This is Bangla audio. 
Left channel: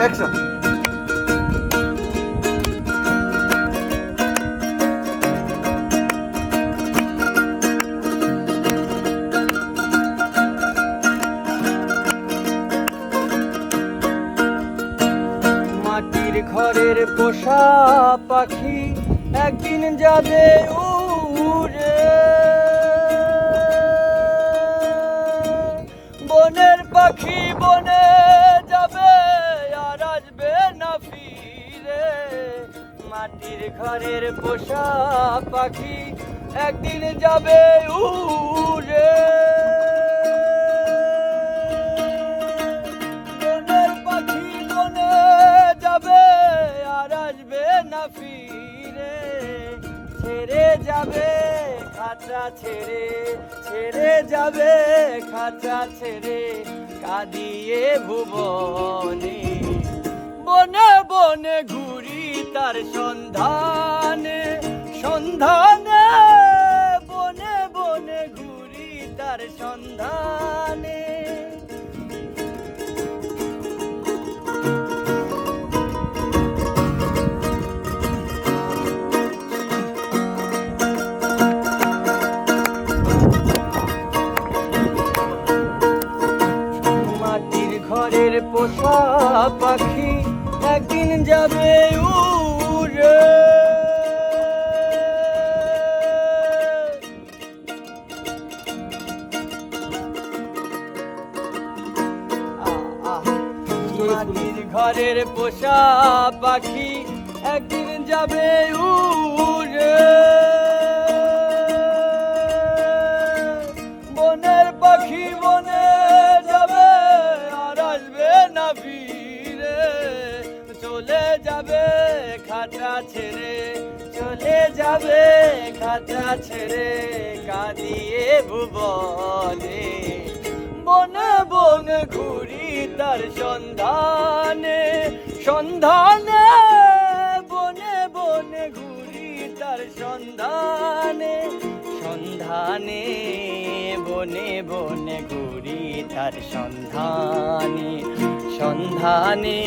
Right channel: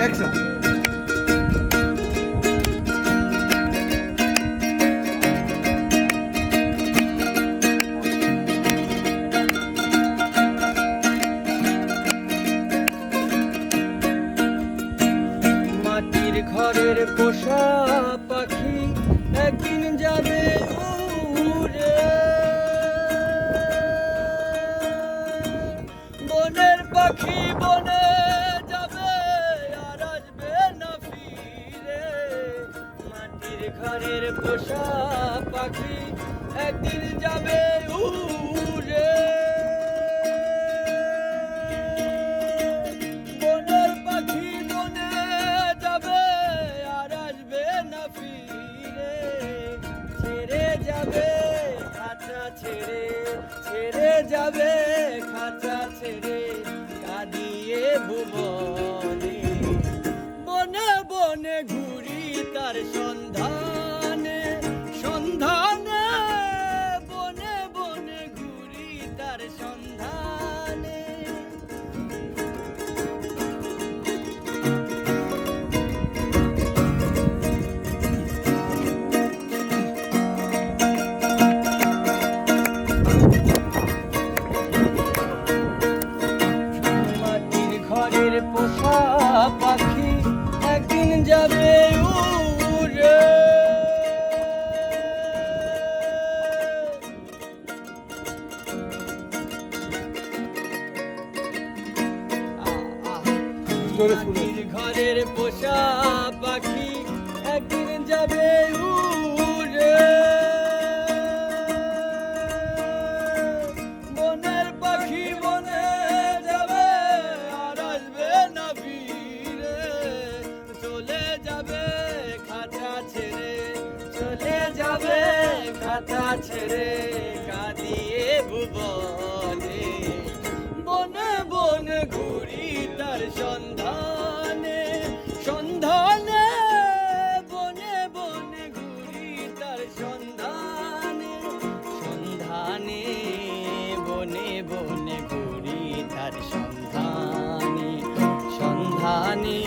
অ্যাকশন। মাটির ঘরের পোষা পাখি একদিন যাবে উড়ে, বনের পাখি বনে যাবে আর আসবে না ফিরে। মাটির ঘরের পোষা পাখি একদিন যাবে উড়ে, বনের পাখি বনে যাবে আর আসবে না ফিরে। ছেড়ে যাবে খাঁচা ছেড়ে, ছেড়ে যাবে খাঁচা ছেড়ে, কাঁদিয়ে ভুবনে। বনে বনে ঘুরি তার সন্ধানে, সন্ধানে বনে বনে ঘুরি তার সন্ধানে। মাটির ঘরের পোষা পাখি একদিন যাবে উড়ে, মাটির ঘরের পোষা পাখি একদিন যাবে উড়ে, বনের পাখি বনে যাবে আর আসবে না ফিরে। চলে যাবে খাঁচা ছেড়ে, চলে যাবে খাঁচা ছেড়ে, কাঁদিয়ে ভুবনে। বনে বনে ঘুরি তার সন্ধানে, সন্ধানে বনে বনে ঘুরি তার সন্ধানে, সন্ধানে বনে বনে ঘুরি তার সন্ধানে, সন্ধানে